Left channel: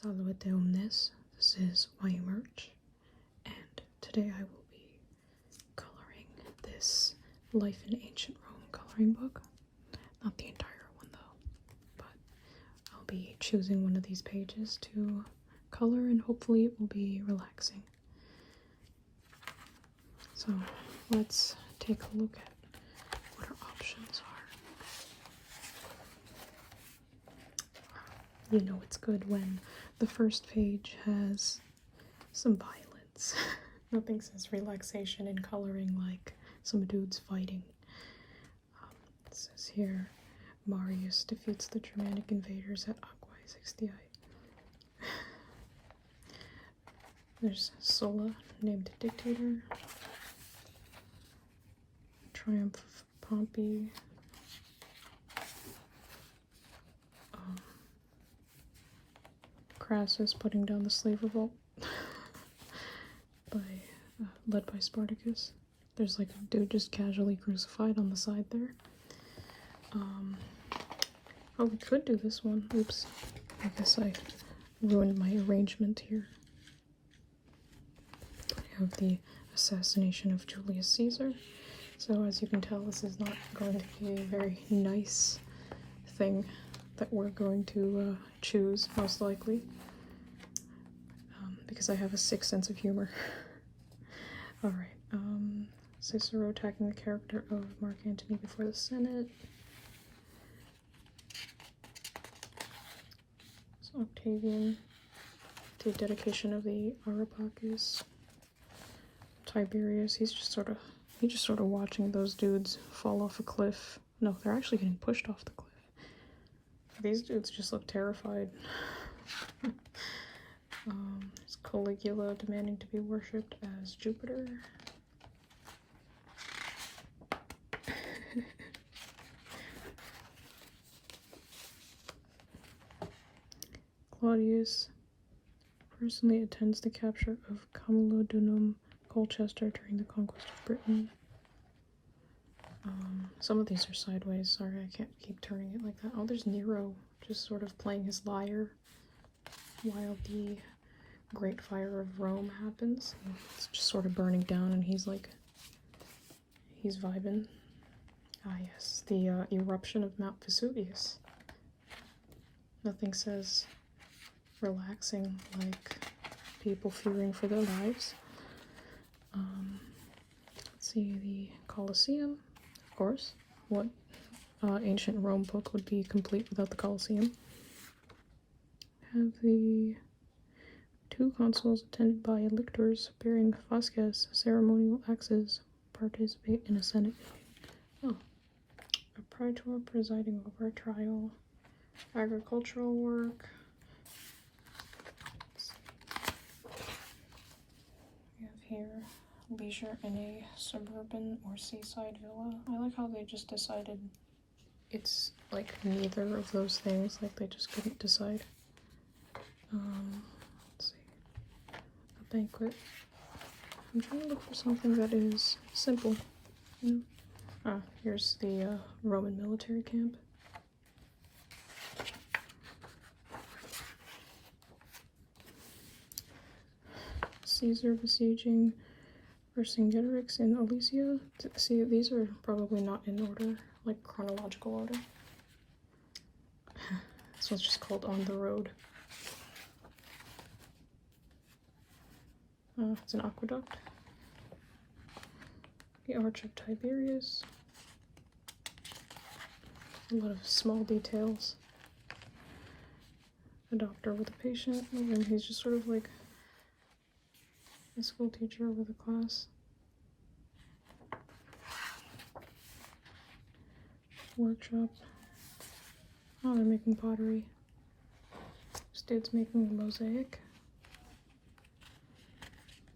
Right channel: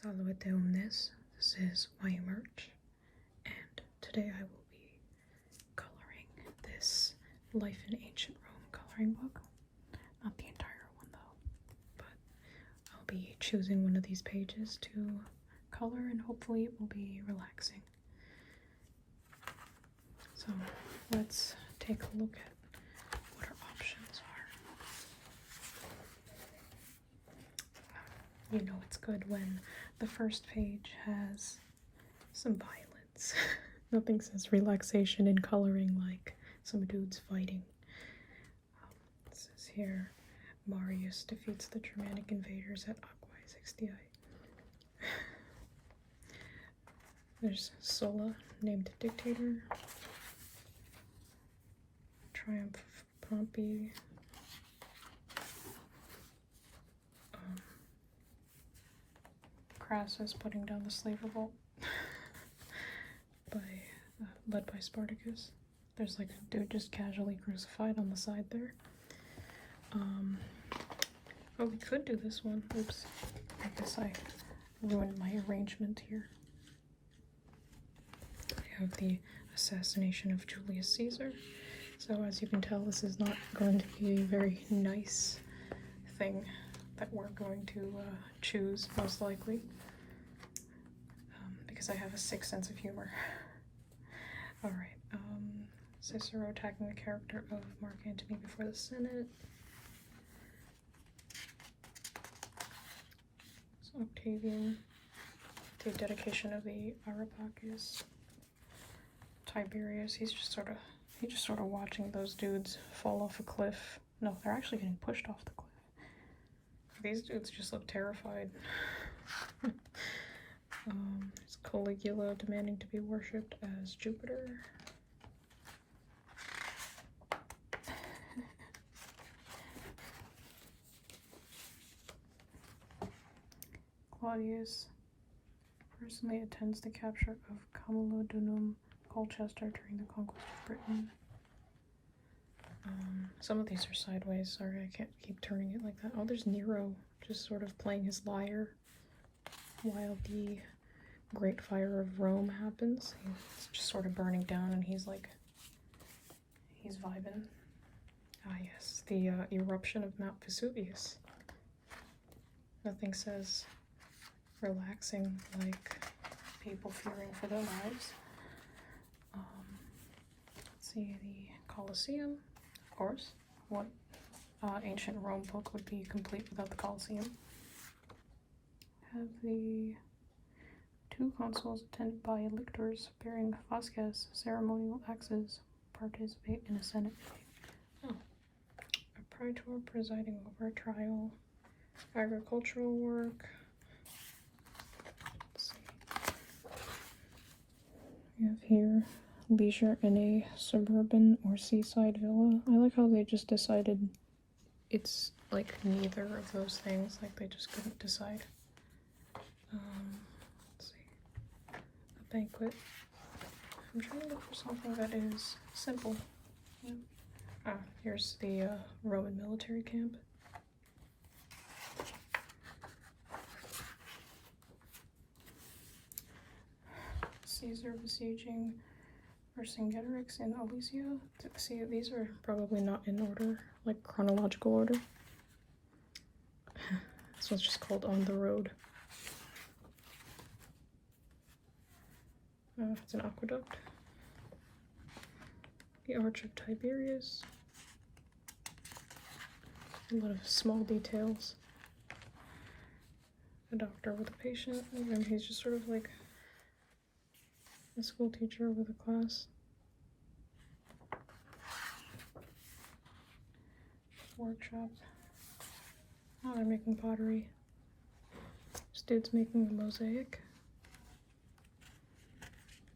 Salvete omnes. This is my merch, and today I will be coloring this Life in Ancient Rome coloring book. Not the entire one though, but I'll be choosing one of these pages to color, and hopefully it will be relaxing. So let's take a look at what our options are. You know it's good when the first page has some violence. Nothing says relaxation in coloring like some dudes fighting. It says here, Marius defeats the Germanic invaders at Aquae 60i. There's Sulla, named dictator. Triumph of Pompey. Crassus putting down the slave revolt led by Spartacus. There's like a dude just casually crucified on the side there. Oh, we could do this one. Oops. I guess I ruined my arrangement here. I have the assassination of Julius Caesar. So as you can tell, this is not going to be a very nice thing that we're going to choose, most likely, because I have a sick sense of humor. Alright, Cicero attacking the character of Mark Antony before the Senate. So Octavian, the dedication of the Areopagus. Tiberius, he's just sort of watching those dudes fall off a cliff. No, they're actually getting pushed off the cliff. These dudes just look terrified. It's Caligula demanding to be worshipped as Jupiter. Claudius personally attends the capture of Camulodunum, Colchester, during the conquest of Britain. Some of these are sideways. Sorry, I can't keep turning it like that. Oh, there's Nero just sort of playing his lyre while the Great Fire of Rome happens. It's just sort of burning down, and he's vibing. Ah, yes, the eruption of Mount Vesuvius. Nothing says relaxing like people fearing for their lives. Let's see, the Colosseum, of course. What ancient Rome book would be complete without the Colosseum? Have the two consuls attended by lictors bearing fasces, ceremonial axes, participate in a senate meeting. Oh, a praetor presiding over a trial, agricultural work. We have here leisure in a suburban or seaside villa. I like how they just decided it's like neither of those things, like they just couldn't decide. Let's see. A banquet. I'm trying to look for something that is simple. Here's the Roman military camp. Caesar besieging Vercingetorix in Alesia. See, these are probably not in order, like chronological order. This one's just called On the Road. It's an aqueduct. The Arch of Tiberius. A lot of small details. A doctor with a patient, and he's just sort of like a school teacher with a class. Workshop. Oh, they're making pottery. This dude's making a mosaic.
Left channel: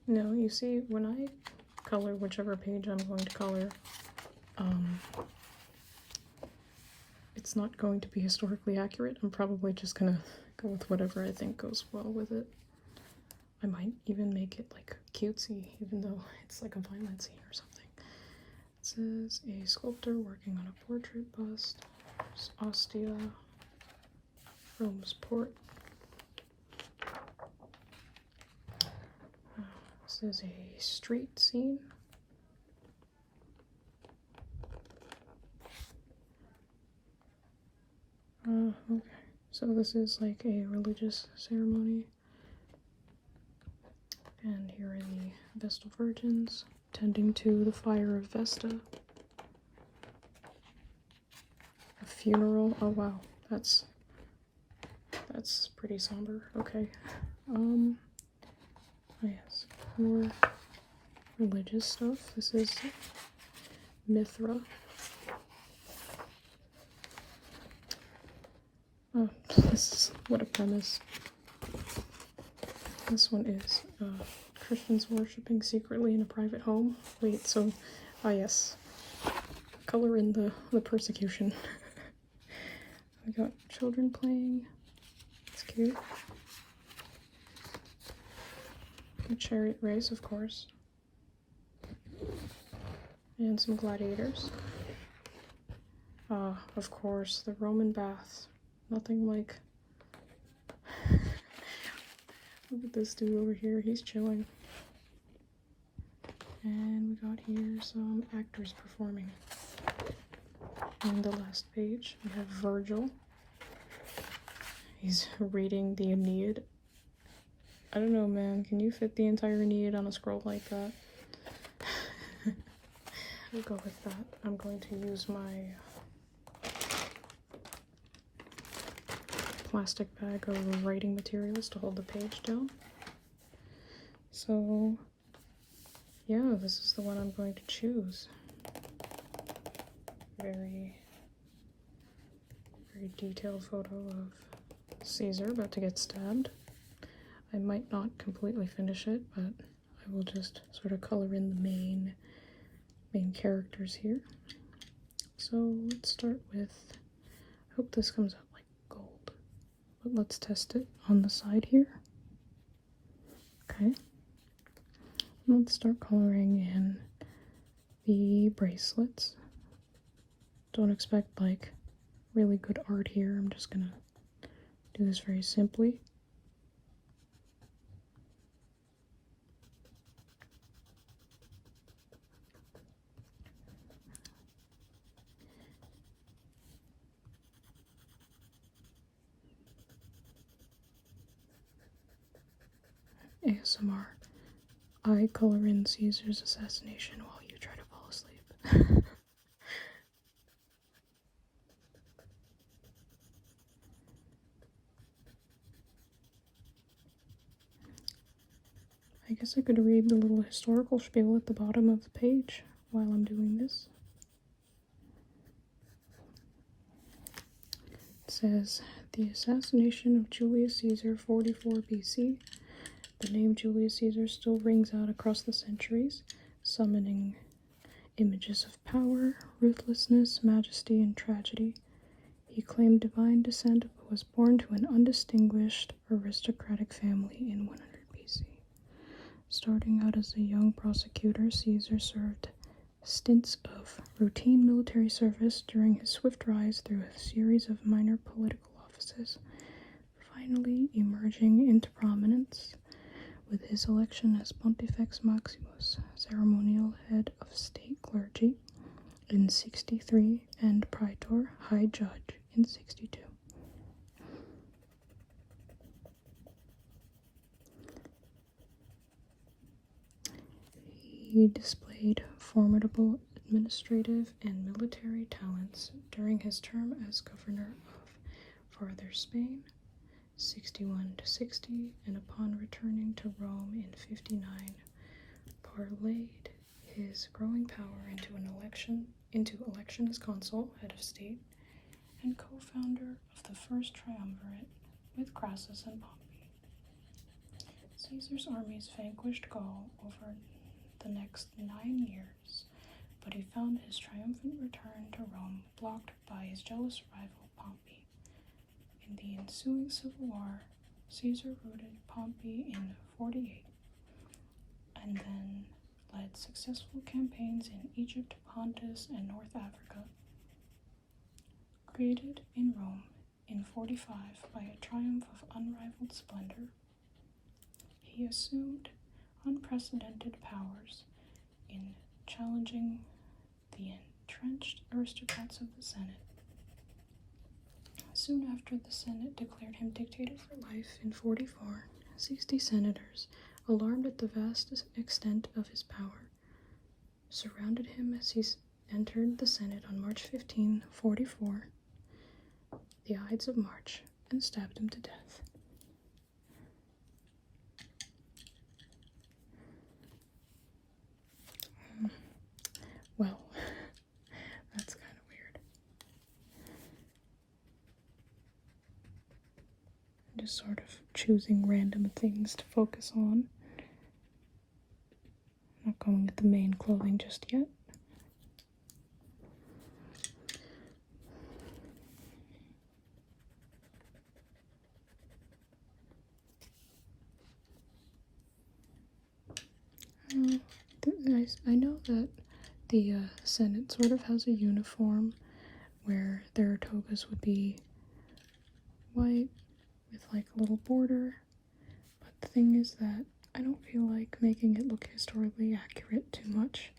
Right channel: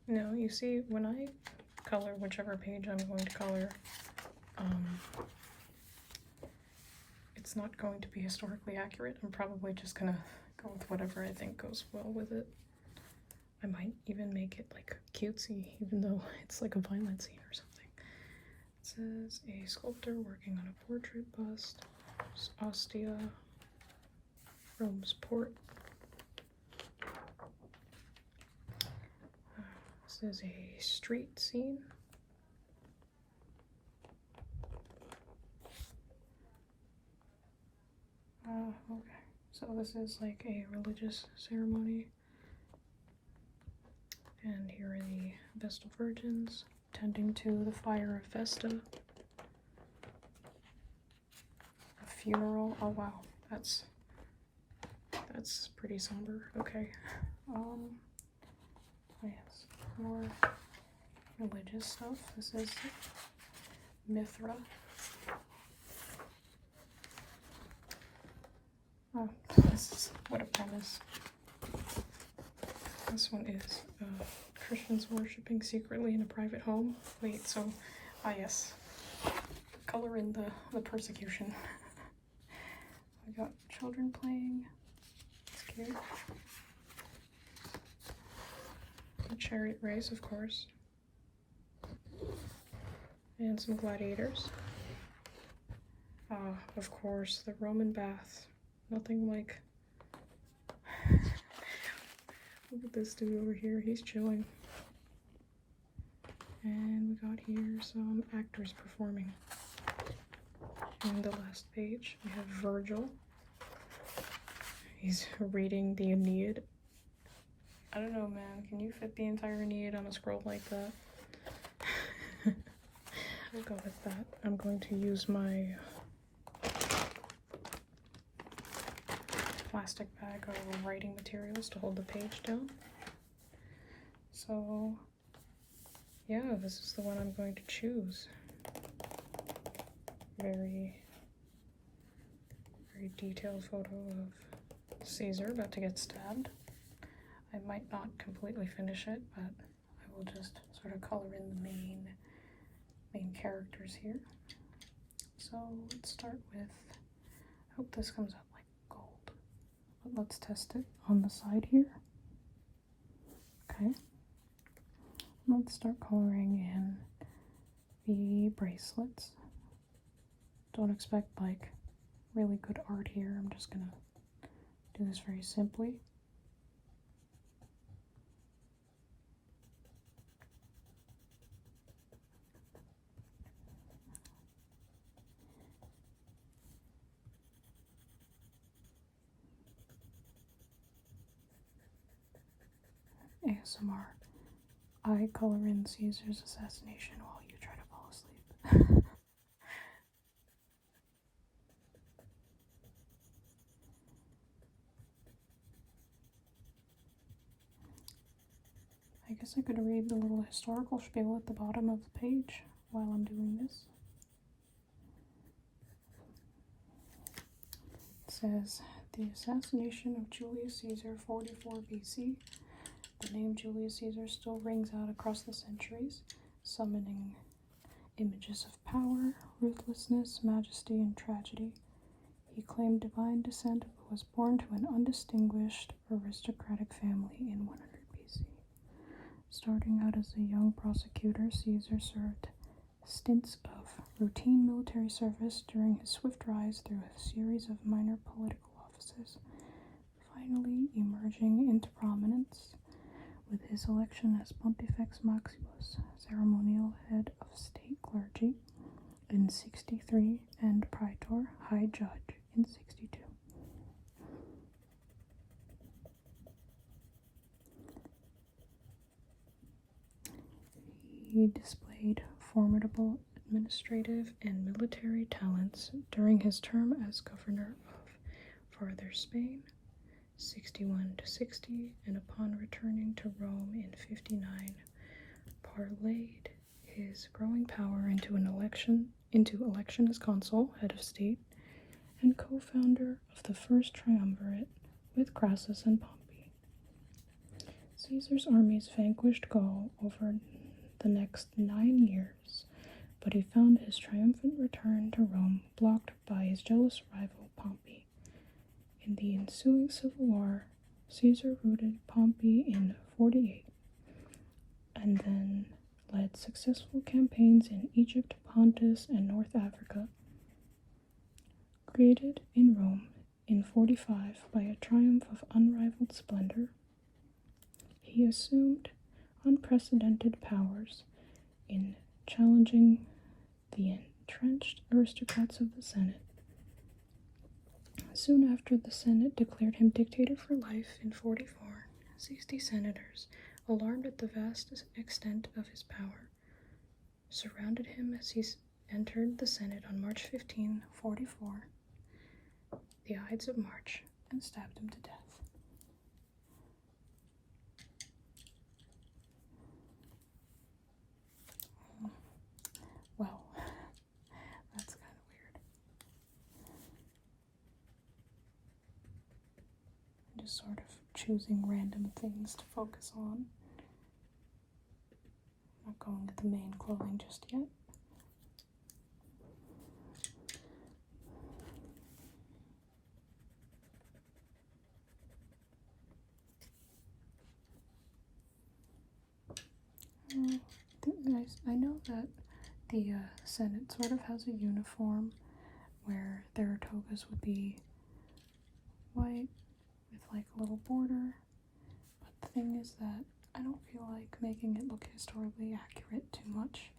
No, you see, when I color whichever page I'm going to color, it's not going to be historically accurate. I'm probably just gonna go with whatever I think goes well with it. I might even make it like cutesy, even though it's like a violent scene or something. It says a sculptor working on a portrait bust. There's Ostia, Rome's port. This is a street scene. Okay. So this is like a religious ceremony. And here are the Vestal Virgins tending to the fire of Vesta. A funeral. Oh wow, that's pretty somber. Okay. Yes, more religious stuff. This is Mithra. Oh, this is what a premise. This one is Christians worshipping secretly in a private home. Wait, so, yes. Color in the persecution. We got children playing. It's cute. A chariot race, of course. And some gladiators. Of course, the Roman bath. Nothing like... Look at this dude over here, he's chilling. And we got here some actors performing. And the last page, we have Virgil. He's reading the Aeneid. I don't know, man, can you fit the entire Aeneid on a scroll like that? I'll go with that. I'm going to use my plastic bag of writing materials to hold the page down. So, yeah, this is the one I'm going to choose. Very detailed photo of Caesar about to get stabbed. I might not completely finish it, but I will just sort of color in the main characters here. So let's start with, I hope this comes out like gold, but let's test it on the side here. Okay, let's start coloring in the bracelets. Don't expect like really good art here. I'm just gonna do this very simply. ASMR. I color in Caesar's assassination while you try to fall asleep. I guess I could read the little historical spiel at the bottom of the page while I'm doing this. It says, the assassination of Julius Caesar, 44 BC. The name Julius Caesar still rings out across the centuries, summoning images of power, ruthlessness, majesty, and tragedy. He claimed divine descent but was born to an undistinguished aristocratic family in 100 BC. Starting out as a young prosecutor, Caesar served stints of routine military service during his swift rise through a series of minor political offices, finally emerging into prominence with his election as Pontifex Maximus, ceremonial head of state clergy, in 63 and praetor, high judge, in 62. He displayed formidable administrative and military talents during his term as governor of Farther Spain, 61 to 60, and upon returning to Rome in 59, parlayed his growing power into election as consul, head of state, and co-founder of the first triumvirate with Crassus and Pompey. Caesar's armies vanquished Gaul over the next 9 years, but he found his triumphant return to Rome blocked by his jealous rival Pompey. In the ensuing civil war, Caesar routed Pompey in 48, and then led successful campaigns in Egypt, Pontus, and North Africa. Created in Rome in 45 by a triumph of unrivaled splendor, he assumed unprecedented powers in challenging the entrenched aristocrats of the Senate. Soon after the Senate declared him dictator for life in 44, 60 senators, alarmed at the vast extent of his power, surrounded him as he entered the Senate on March 15, 44, the Ides of March, and stabbed him to death. Well, that's kind of weird. I'm just sort of choosing random things to focus on. I'm not going with the main clothing just yet. I know that the Senate sort of has a uniform where their togas would be white with like a little border, but the thing is that I don't feel like making it look historically accurate too much.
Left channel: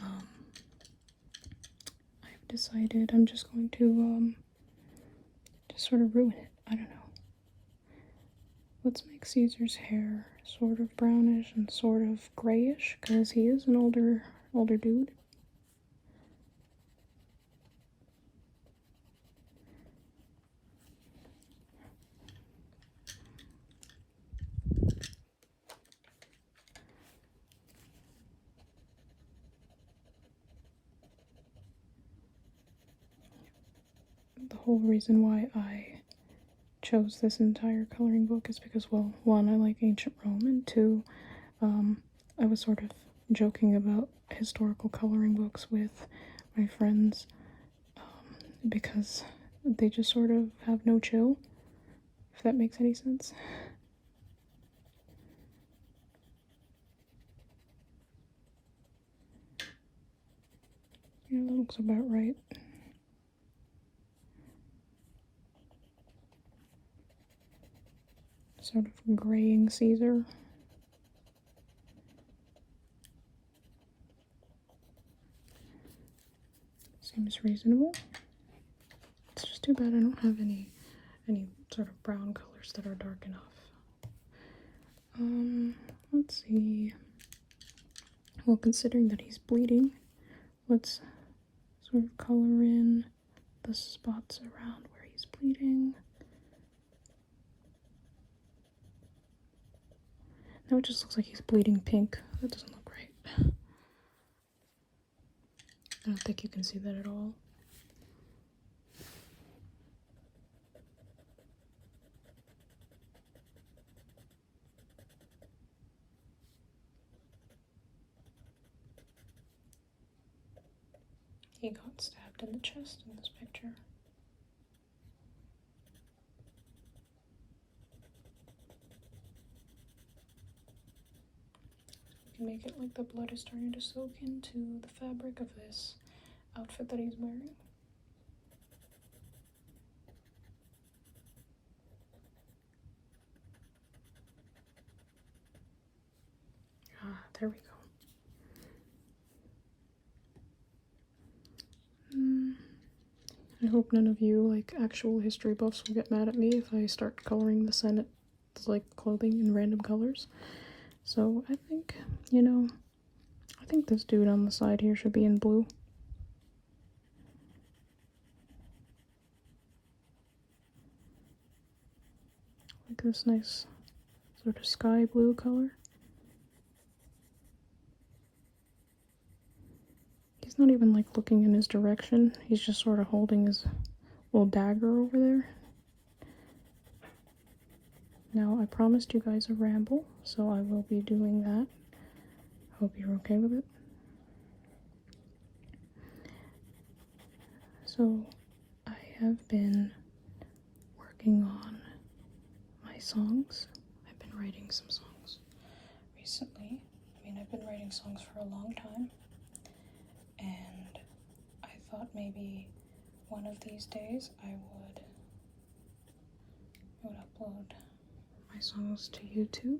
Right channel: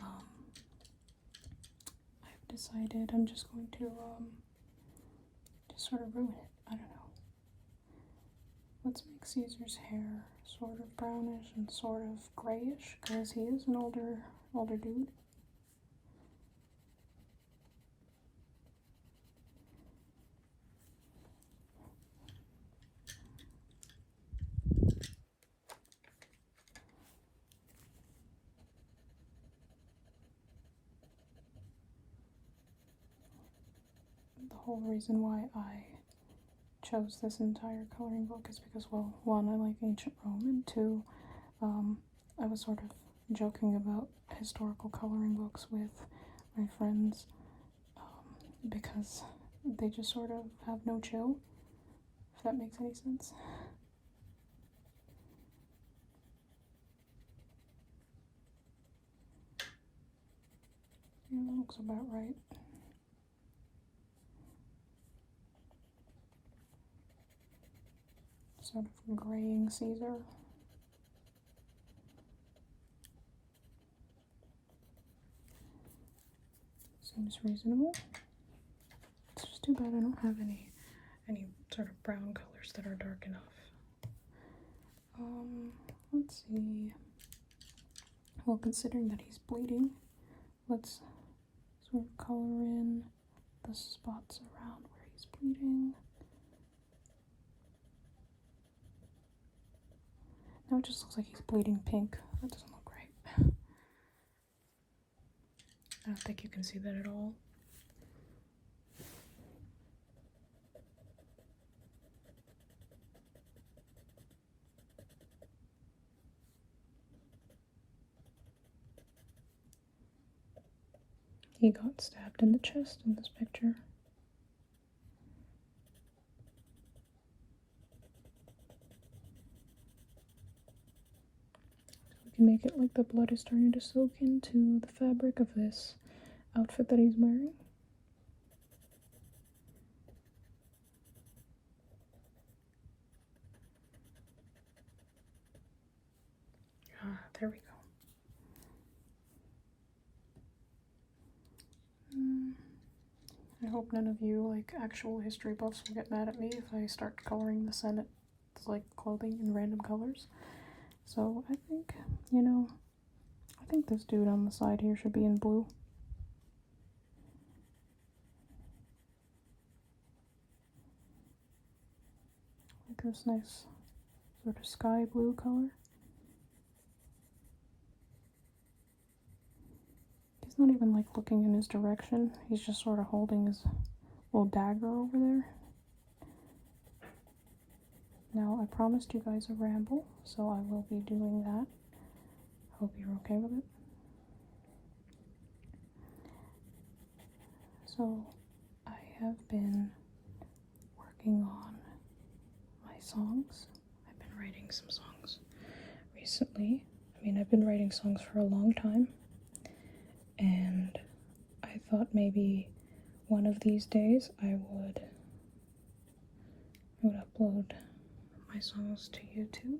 I've decided I'm just going to just sort of ruin it. I don't know. Let's make Caesar's hair sort of brownish and sort of grayish, because he is an older dude. The whole reason why I chose this entire coloring book is because, well, one, I like ancient Rome, and two, I was sort of joking about historical coloring books with my friends, because they just sort of have no chill, if that makes any sense. Yeah, that looks about right. Sort of graying Caesar. Seems reasonable. It's just too bad I don't have any sort of brown colors that are dark enough. Let's see. Well, considering that he's bleeding, let's sort of color in the spots around where he's bleeding. Now it just looks like he's bleeding pink. That doesn't look right. I don't think you can see that at all. He got stabbed in the chest in this picture. You can make it like the blood is starting to soak into the fabric of this outfit that he's wearing. Ah, there we go. I hope none of you, like, actual history buffs will get mad at me if I start coloring the Senate's, like, clothing in random colors. So I think, I think this dude on the side here should be in blue. Like this nice sort of sky blue color. He's not even like looking in his direction. He's just sort of holding his little dagger over there. Now, I promised you guys a ramble, so I will be doing that. Hope you're okay with it. So, I have been working on my songs. I've been writing some songs recently. I mean, I've been writing songs for a long time. And I thought maybe one of these days I would upload my songs to YouTube.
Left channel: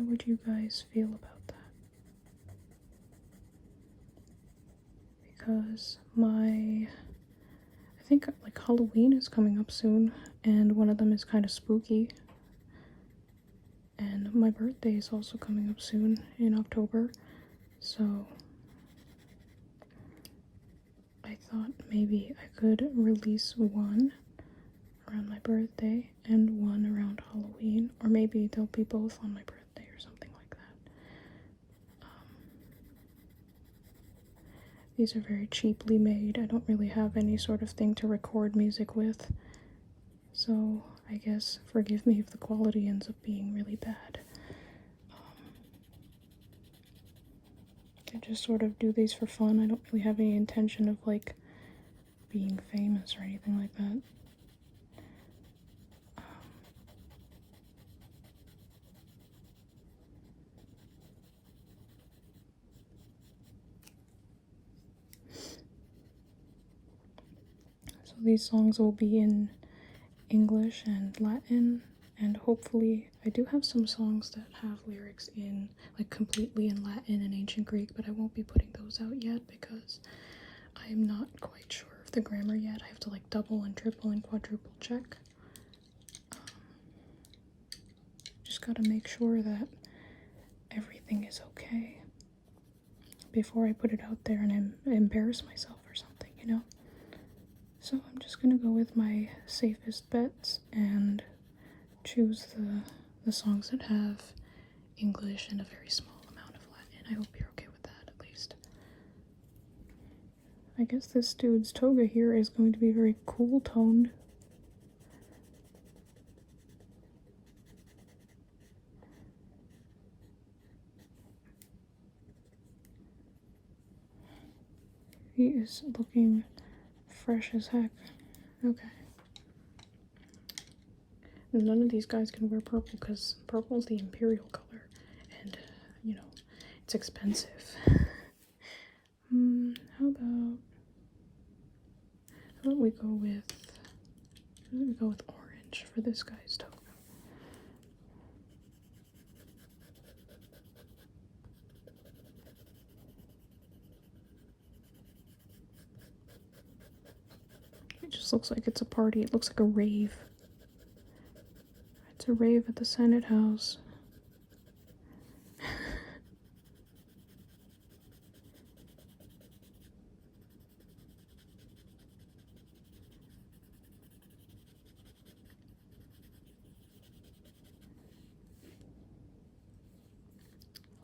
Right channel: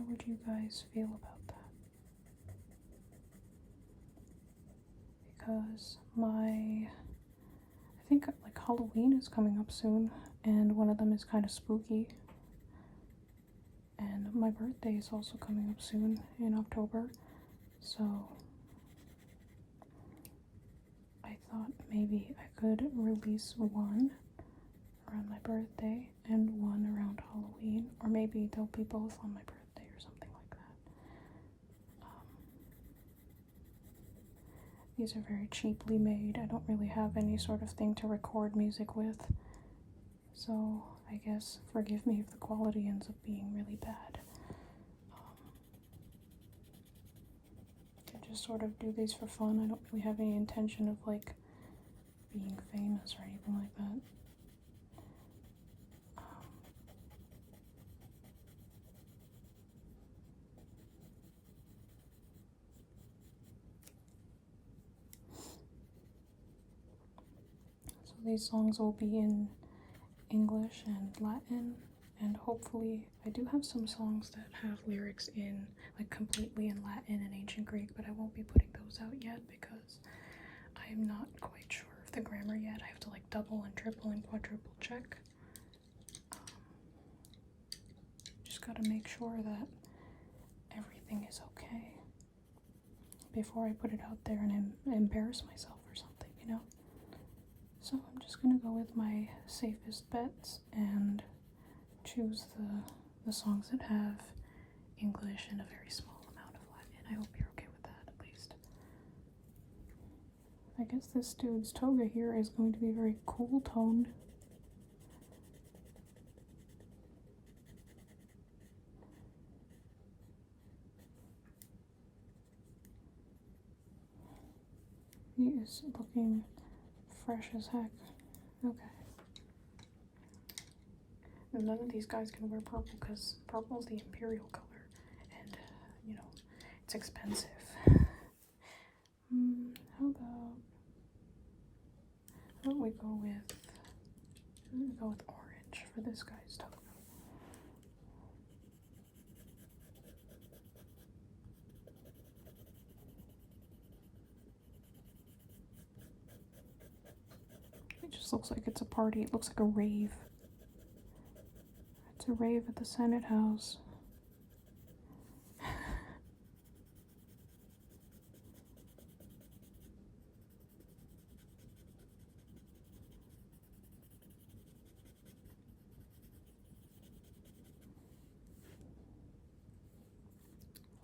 How would you guys feel about that? Because I think like Halloween is coming up soon, and one of them is kind of spooky. And my birthday is also coming up soon in October, so I thought maybe I could release one around my birthday and one around Halloween, or maybe they'll be both on my birthday or something like that. These are very cheaply made. I don't really have any sort of thing to record music with, so I guess forgive me if the quality ends up being really bad. I just sort of do these for fun. I don't really have any intention of like being famous or anything like that. So these songs will be in English and Latin, and hopefully I do have some songs that have lyrics in like completely in Latin and ancient Greek, but I won't be putting those out yet because I'm not quite sure of the grammar yet. I have to like double and triple and quadruple check. Just gotta make sure that everything is okay before I put it out there and embarrass myself or something, you know? So I'm just gonna go with my safest bets and choose the songs that have English and a very small amount of Latin. I hope you're okay with that, at least. I guess this dude's toga here is going to be very cool toned. He is looking fresh as heck. Okay. None of these guys can wear purple because purple is the imperial color, and you know, it's expensive. How about we go with orange for this guy's toga? It just looks like it's a party. It looks like a rave. It's a rave at the Senate House.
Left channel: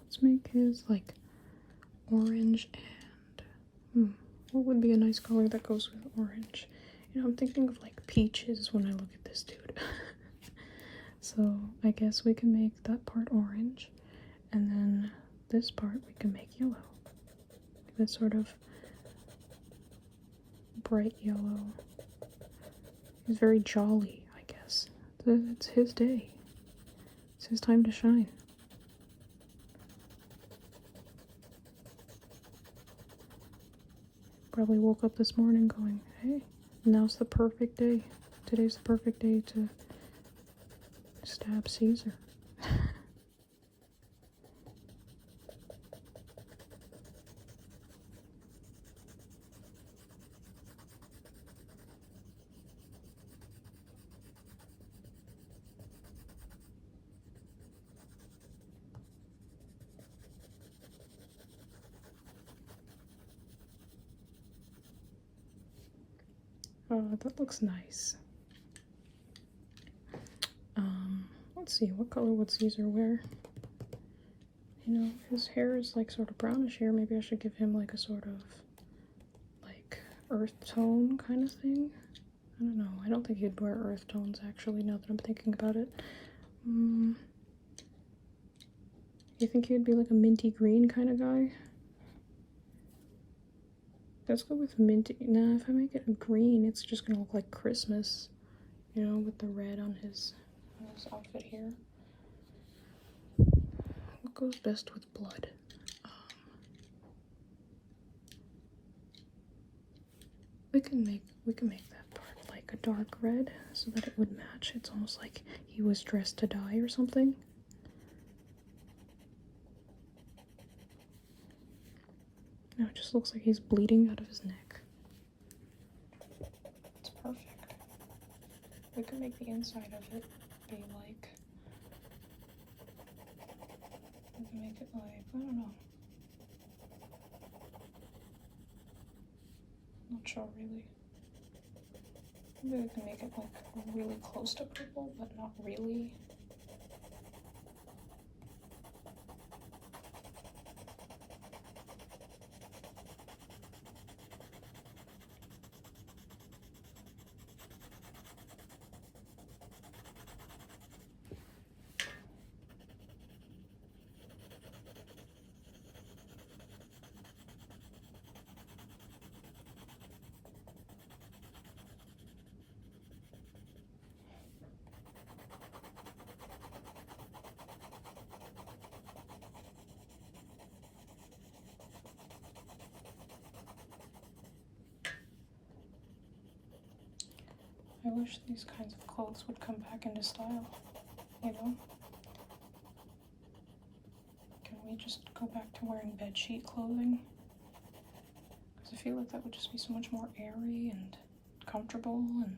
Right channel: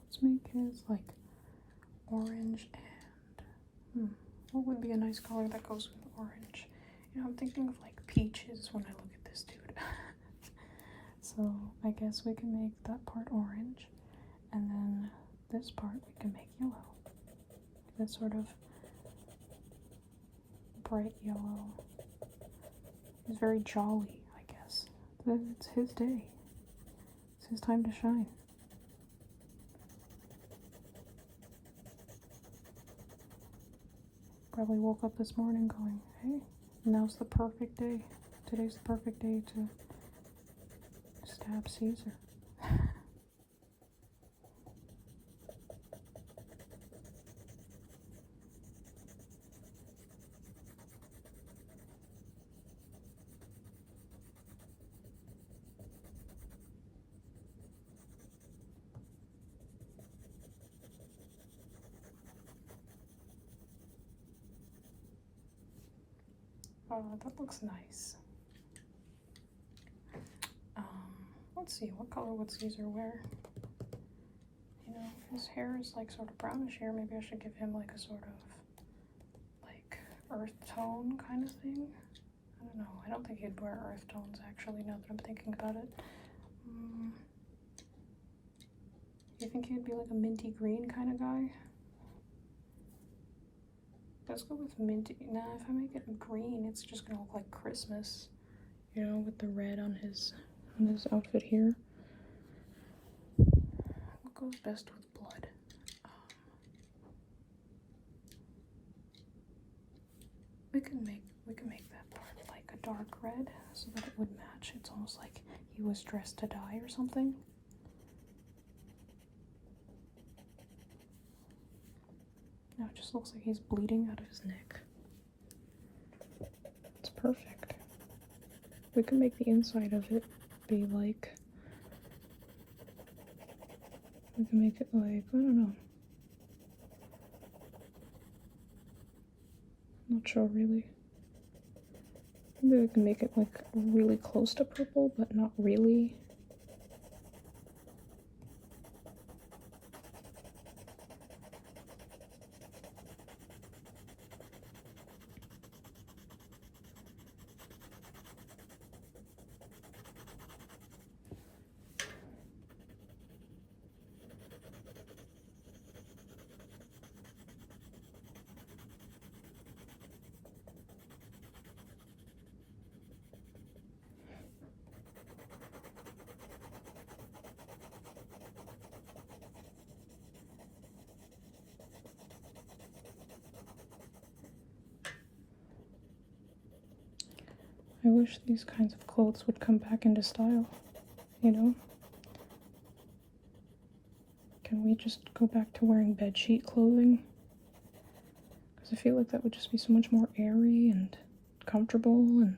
Let's make his like orange and what would be a nice color that goes with orange? You know, I'm thinking of like peaches when I look at this dude. So I guess we can make that part orange, and then this part we can make yellow. That sort of bright yellow. He's very jolly, I guess. It's his day. It's his time to shine. Probably woke up this morning going, hey, now's the perfect day. Today's the perfect day to stab Caesar. Oh, that looks nice. Let's see, what color would Caesar wear? You know, his hair is like sort of brownish here. Maybe I should give him like a sort of like earth tone kind of thing. I don't know. I don't think he'd wear earth tones actually, now that I'm thinking about it. You think he'd be like a minty green kind of guy? Let's go with minty. Nah, if I make it green, it's just gonna look like Christmas. You know, with the red on his outfit here. What goes best with blood? We can make that part like a dark red so that it would match. It's almost like he was dressed to die or something. Now it just looks like he's bleeding out of his neck. It's perfect. We can make the inside of it be like... We can make it like, I don't know. Not sure really. Maybe we can make it like really close to purple, but not really. I wish these kinds of clothes would come back into style, you know? Can we just go back to wearing bedsheet clothing? Because I feel like that would just be so much more airy and comfortable, and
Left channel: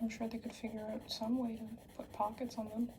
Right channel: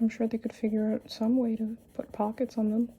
I'm sure they could figure out some way to put pockets on them.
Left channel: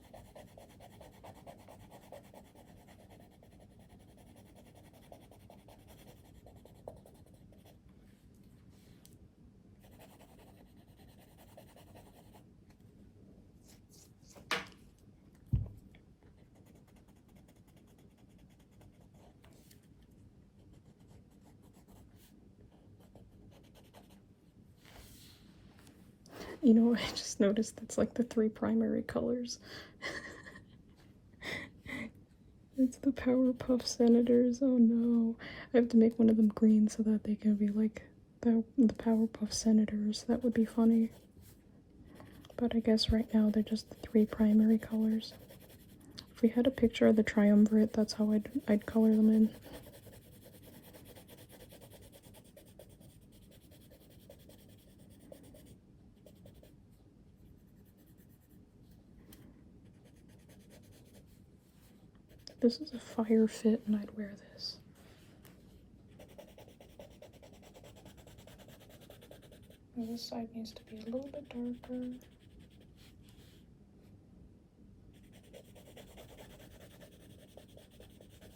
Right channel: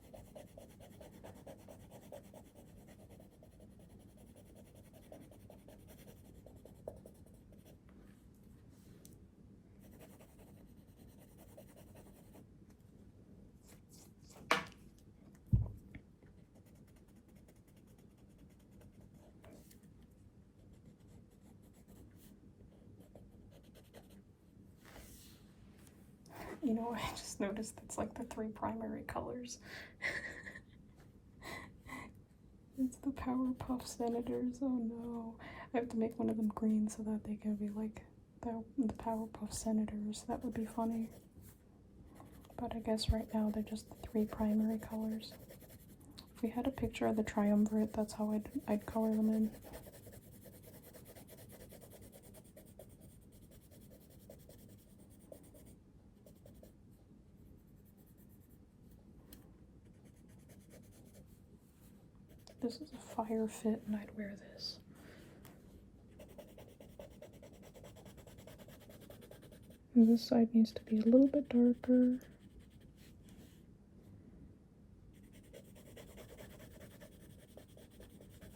You know, I just noticed that's like the 3 primary colors. It's the Powerpuff Senators. Oh no. I have to make one of them green so that they can be like the Powerpuff Senators. That would be funny. But I guess right now they're just the 3 primary colors. If we had a picture of the triumvirate, that's how I'd color them in. This is a fire fit and I'd wear this. And this side needs to be a little bit darker.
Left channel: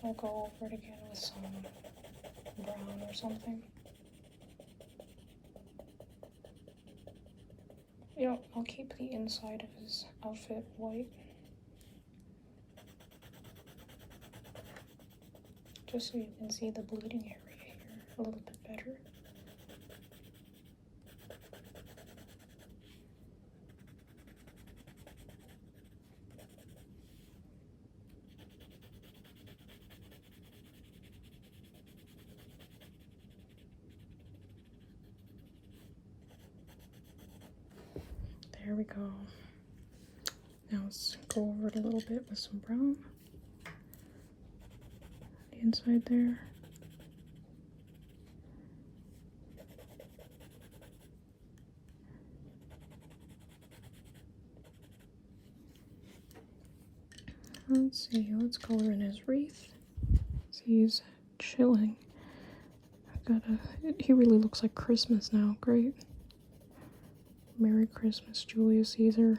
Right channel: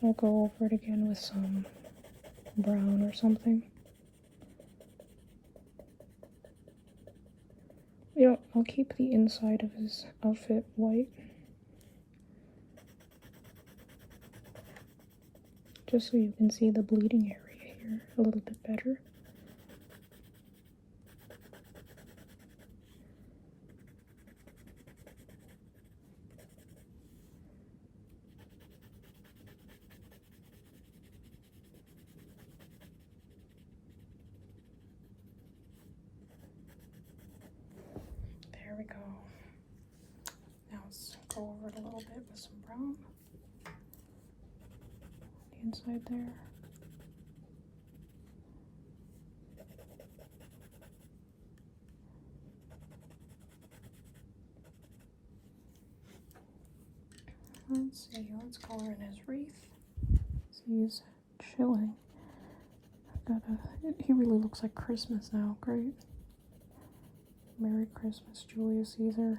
I'll go over it again with some brown or something. You know, I'll keep the inside of his outfit white. Just so you can see the bleeding area here a little bit better. There we go. Now let's go over it a little bit with some brown. The inside there. Let's see, let's color in his wreath. So he's chilling. He really looks like Christmas now. Great. Merry Christmas, Julius Caesar.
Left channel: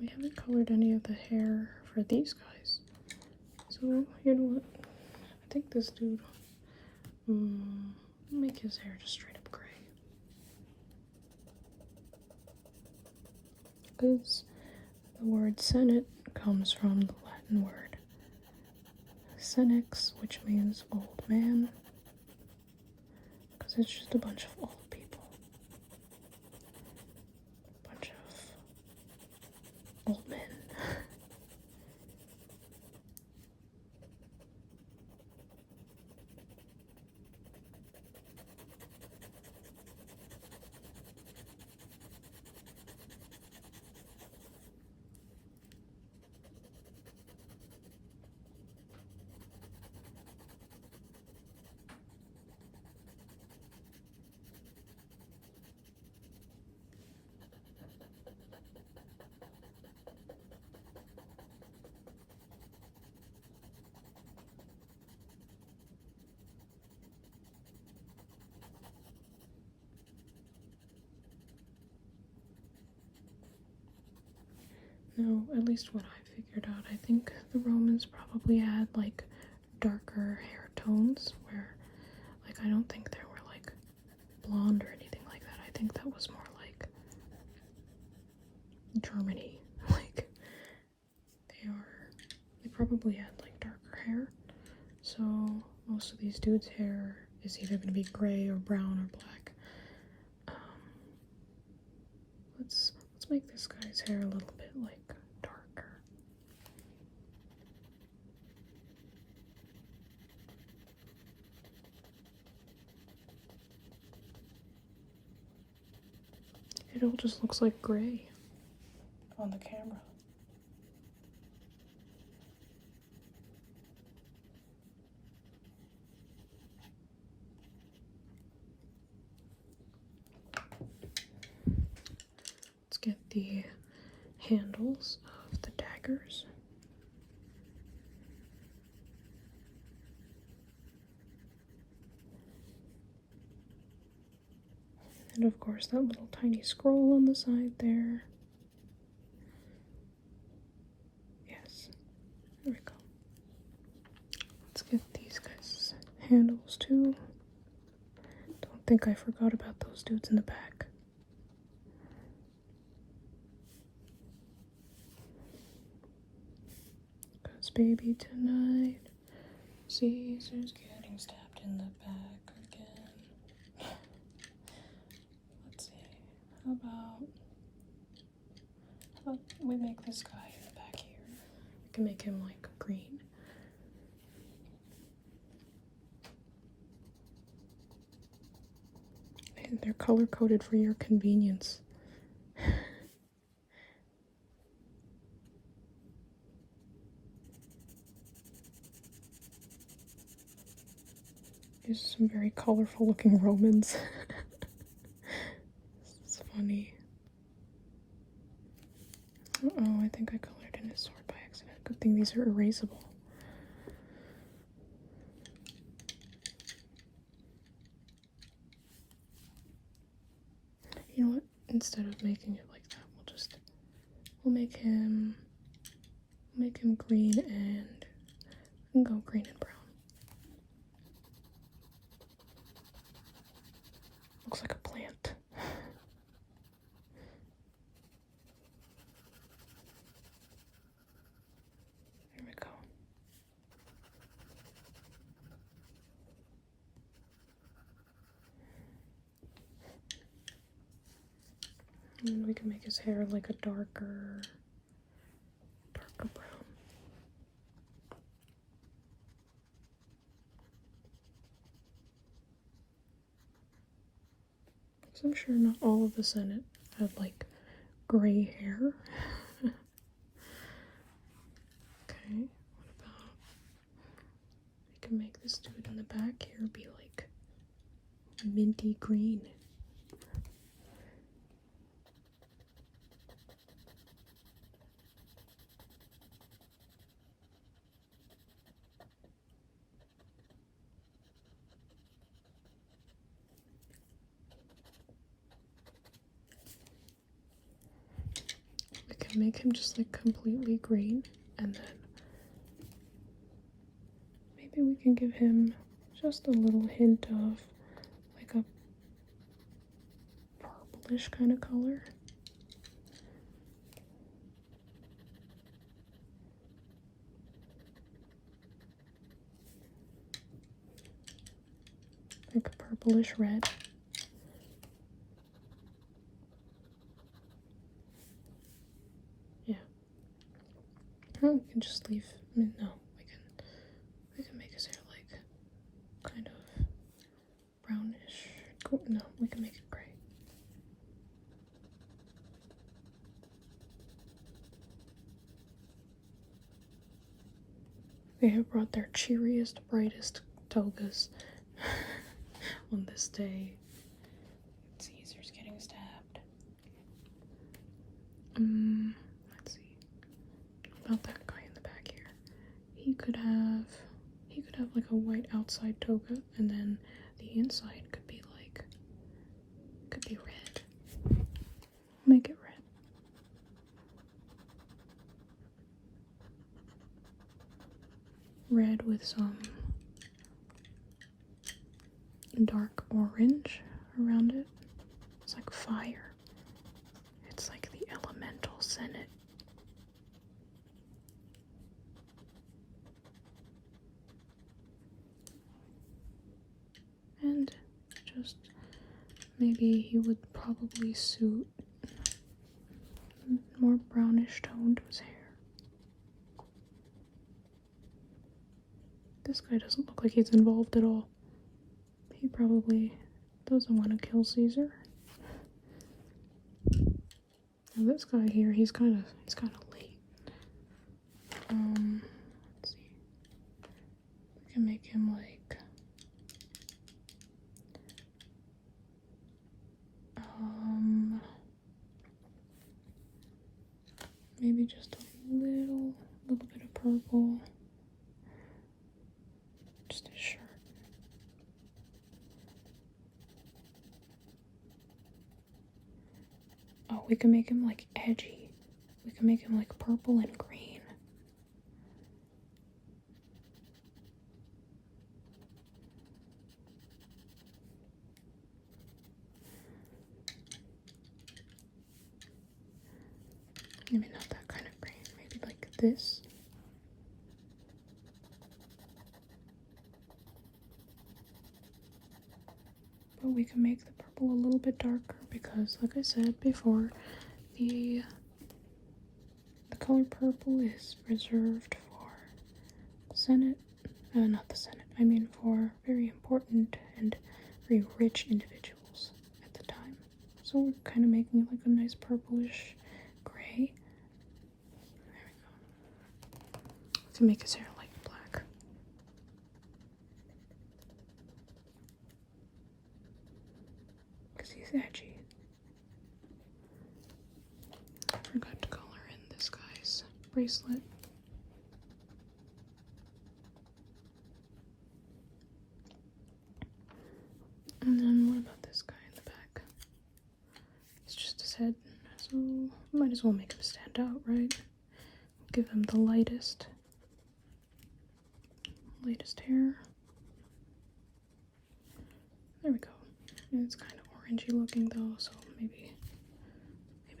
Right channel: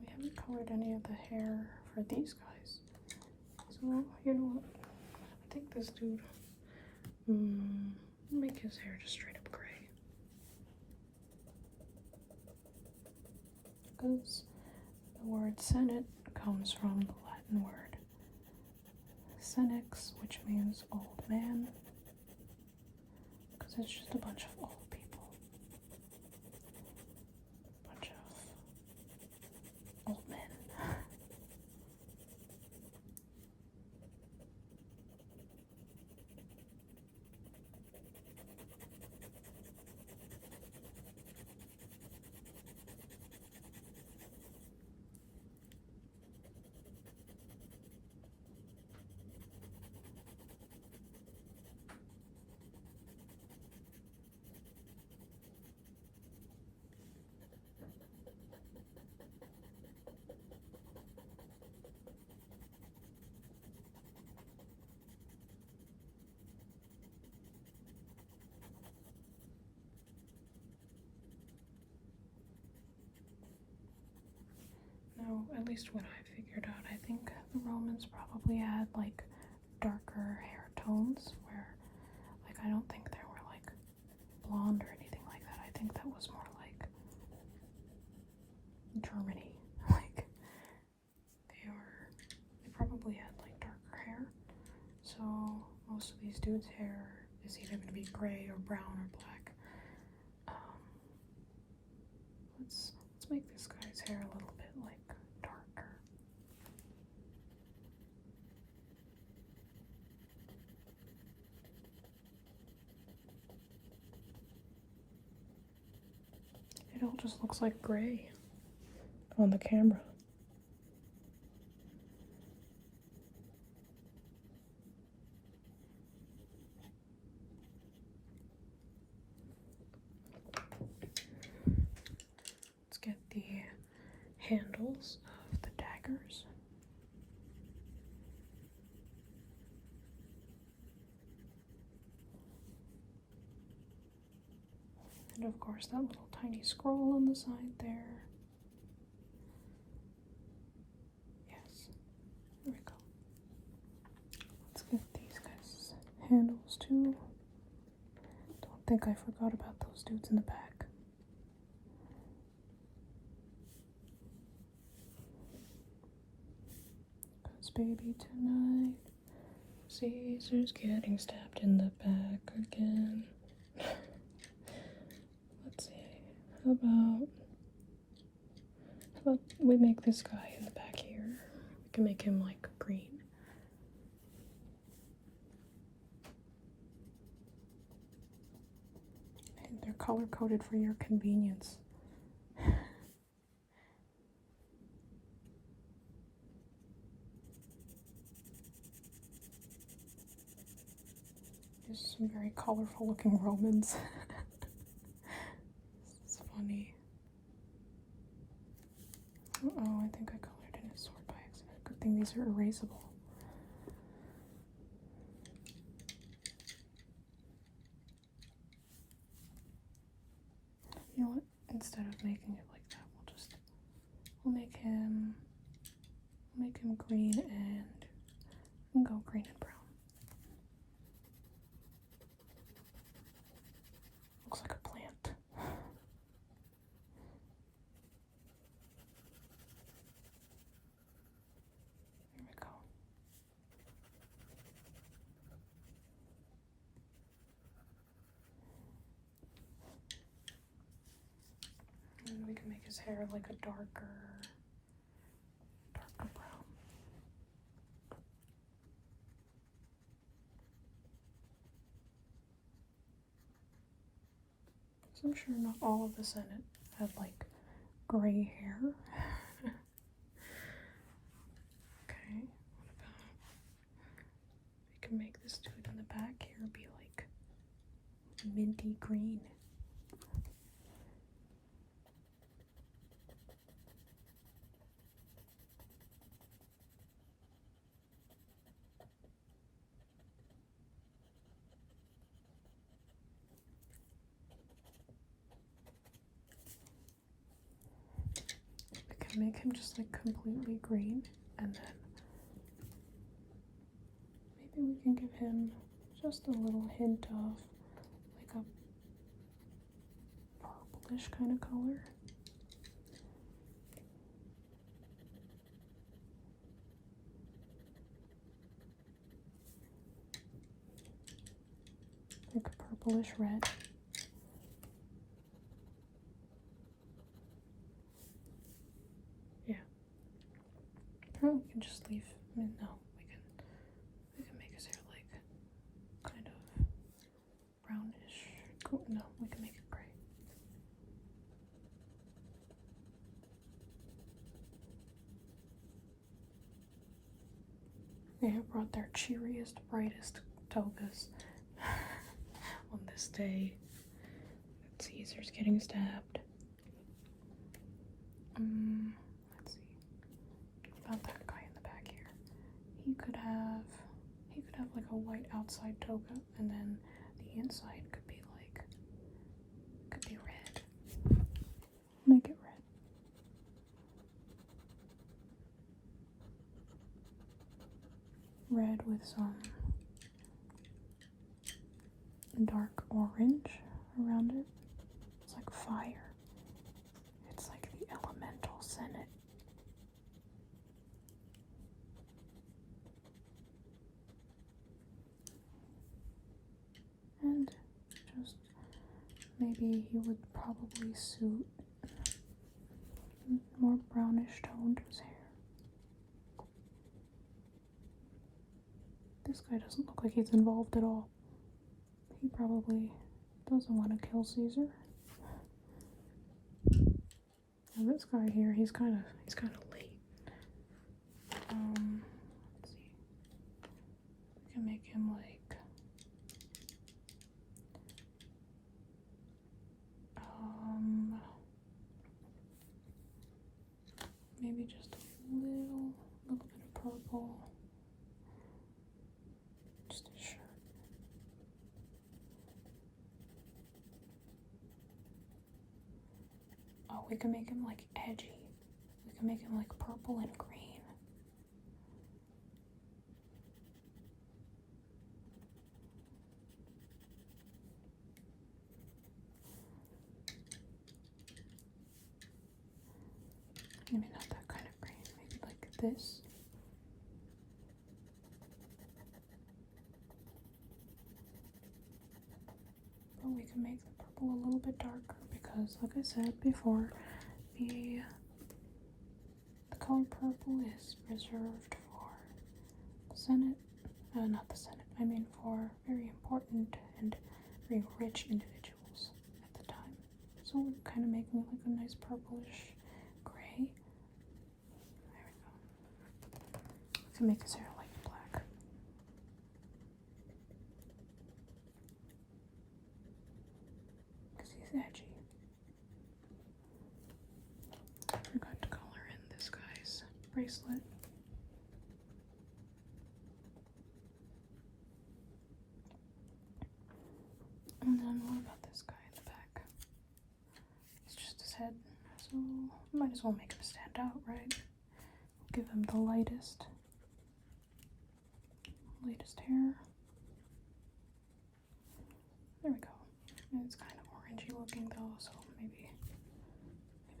We haven't colored any of the hair for these guys. So, you know what? I think this dude, make his hair just straight up gray. Because the word Senate comes from the Latin word senex, which means old man. Because it's just a bunch of old people. A bunch of old men. So, at least what I figured out, I think the Romans probably had like darker hair tones where, like, I don't think they were like blonde or anything like that. I think that was more like Germany. Like, they probably had like darker hair. So, most of these dudes' hair is either going to be gray or brown or black. Let's make this guy's hair a little bit like darker. It all just looks like gray on the camera. Let's get the handles of the daggers. And of course that little tiny scroll on the side there. Yes, there we go. Let's get these guys' handles too. Don't think I forgot about those dudes in the back. Cause baby tonight, Caesar's getting stabbed in the back again. Let's see, how about we make this guy in the back here. We can make him like green. And they're color coded for your convenience. These are some very colorful looking Romans. This is funny. Uh-oh, I think I colored in his sword by accident. Good thing these are erasable. You know what? Instead of making it like that, we'll make him green and go green and brown. Looks like a plant. There we go. And we can make his hair like a darker brown. So I'm sure not all of the Senate had like gray hair. Okay, what about we can make this dude in the back here be like minty green. Make him just like completely green, and then maybe we can give him just a little hint of like a purplish kind of color. Like a purplish red. We can just leave. No, we can make his hair like kind of brownish. No, we can make it gray. They have brought their cheeriest, brightest togas on this day. Caesar's getting stabbed. Let's see. About that guy in the back here. He could have like a white outside toga, and then the inside could be red. Make it red. with some dark orange around it. It's like fire. It's like the elemental senate. And just maybe he would probably suit more brownish tone to his hair. This guy doesn't look like he's involved at all. He probably doesn't want to kill Caesar. And this guy here, he's kind of late. Let's see. We can make him like maybe just a little bit of purple. Just a shirt. Oh, we can make him like edgy. We can make him like purple and green. Maybe not that kind of green. Maybe like this. But we can make the purple a little bit darker because, like I said before, the color purple is reserved for Senate, not the Senate, I mean for very important and very rich individuals at the time. So we're kind of making like a nice purplish gray. There we go. To make his hair like black. Because he's edgy. I forgot to color in this guy's bracelet. And then what about this guy in the back? It's just his head, so might as well make him stand out, right? Give him the lightest hair. There we go. And it's kind of orangey looking though, so maybe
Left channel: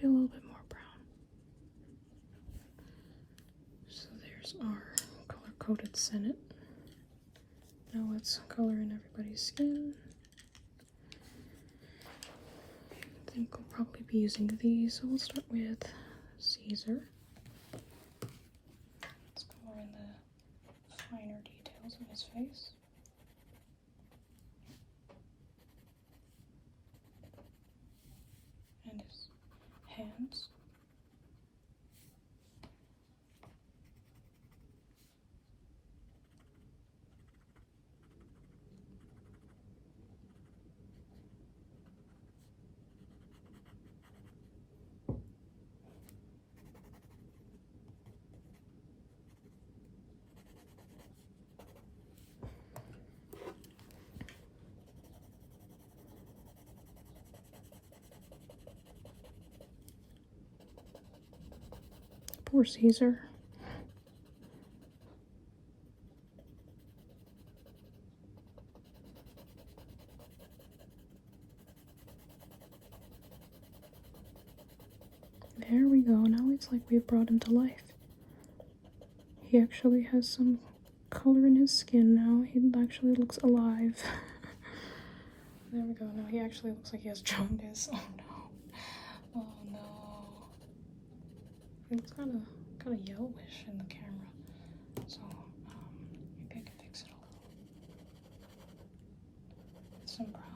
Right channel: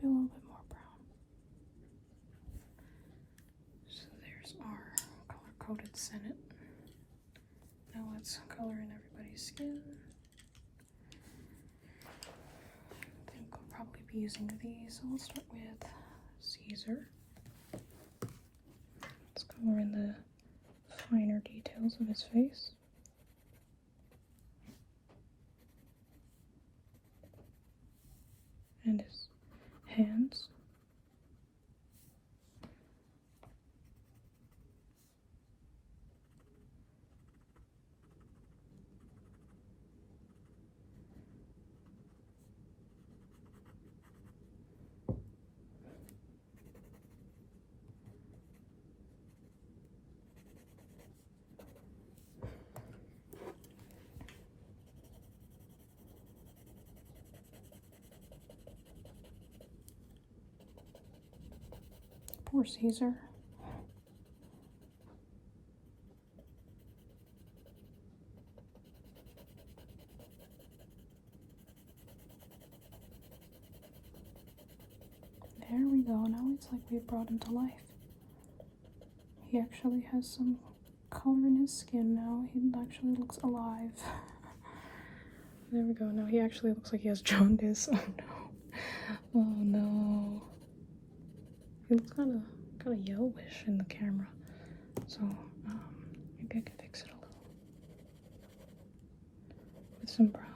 a little bit more brown. So there's our color-coded Senate. Now let's color in everybody's skin. I think we'll probably be using these, so we'll start with Caesar. Let's color in the finer details of his face. And his hands. Poor Caesar. There we go. Now it's like we brought him to life. He actually has some color in his skin now. He actually looks alive. There we go. Now he actually looks like he has jaundice. Oh no. Oh no. He looks kind of yellowish in the camera, so maybe I can fix it a little with some brown.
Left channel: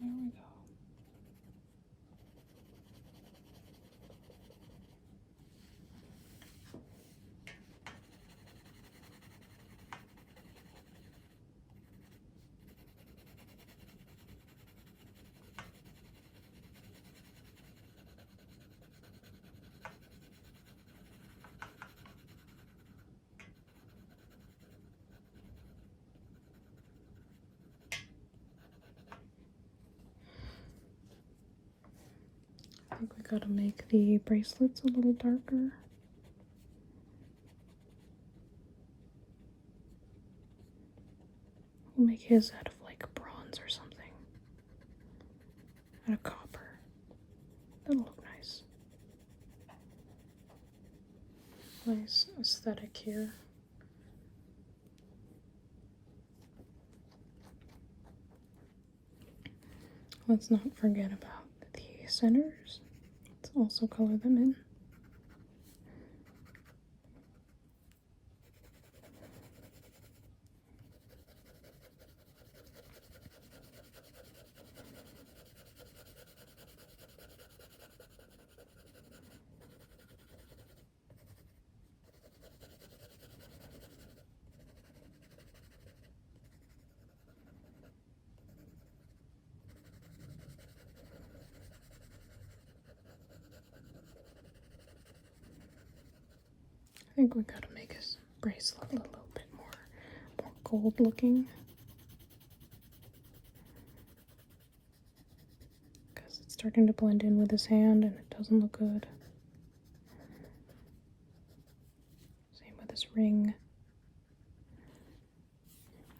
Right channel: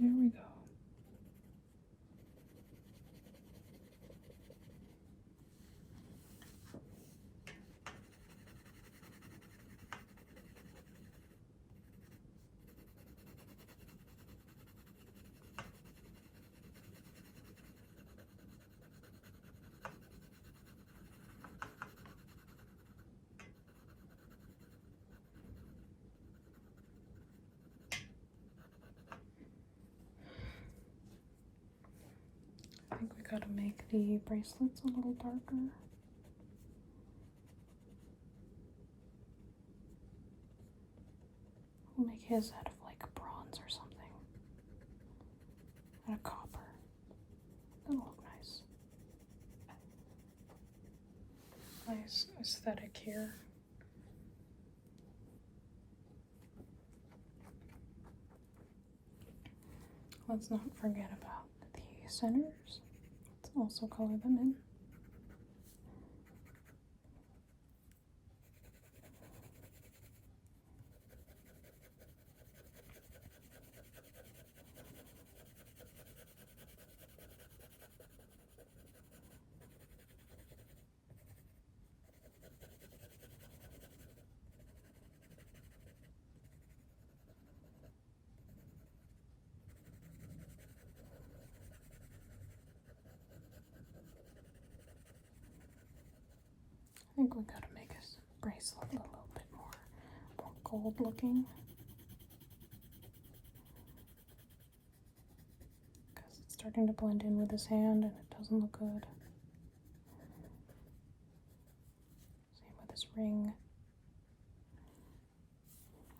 There we go. gotta make the bracelets a little darker. We'll make his out of like bronze or something. And a copper. That'll look nice. Nice aesthetic here. Let's not forget about the centers. Let's also color them in. I think we gotta make his bracelet a little bit more gold looking. Because it's starting to blend in with his hand and it doesn't look good. Same with his ring.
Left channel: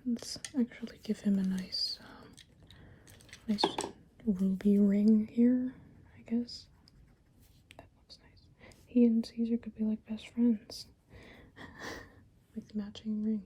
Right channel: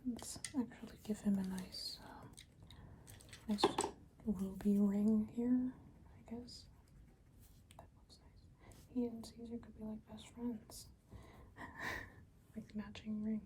Let's actually give him a nice ruby ring here, I guess. That looks nice. He and Caesar could be like best friends. With matching rings.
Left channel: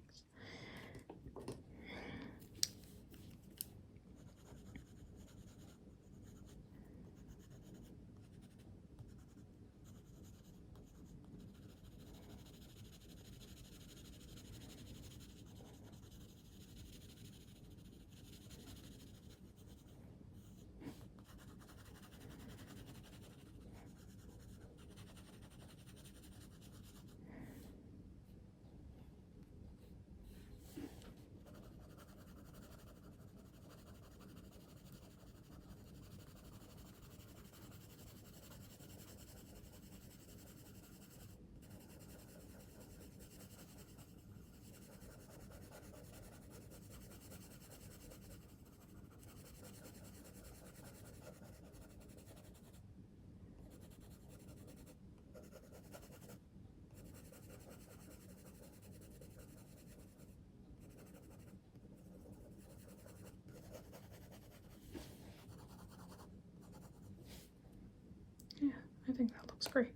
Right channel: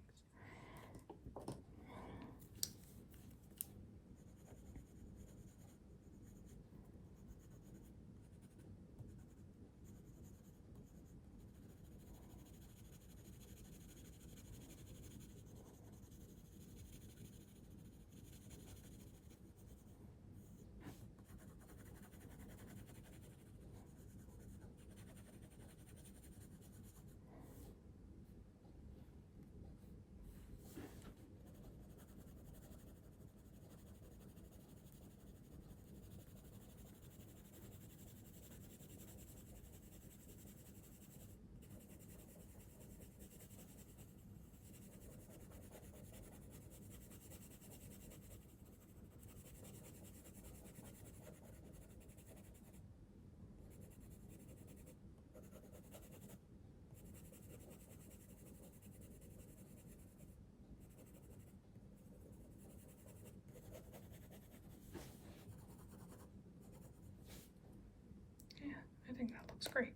Yeah, I think that looks great.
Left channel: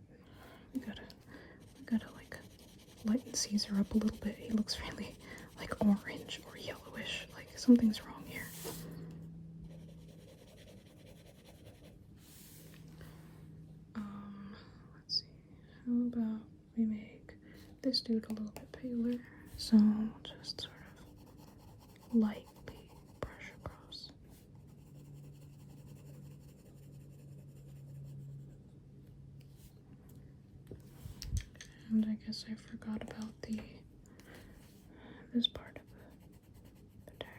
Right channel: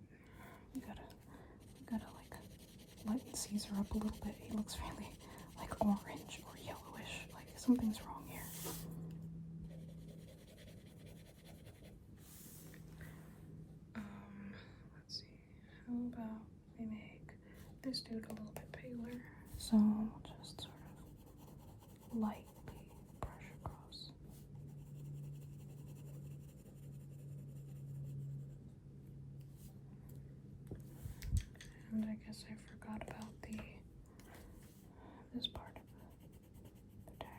We gotta like lighten Caesar up a little bit. He looks really like orange or yellowish. Like something's wrong here. Let's see. How about we make this dude a little bit paler? So just sort of lightly brush across. And I guess I forgot about this part of the dagger.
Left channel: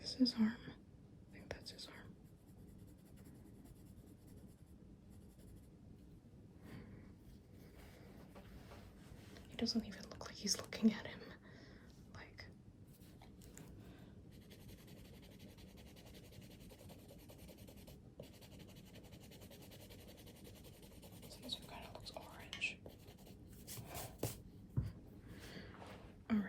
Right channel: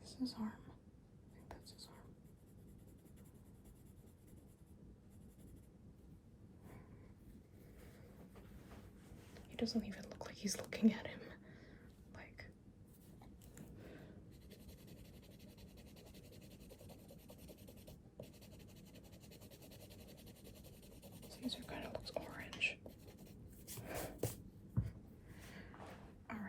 This is his arm. I think that's his arm. He doesn't even look like he's looking at him. Like, Caesar kind of looks orange. Alright.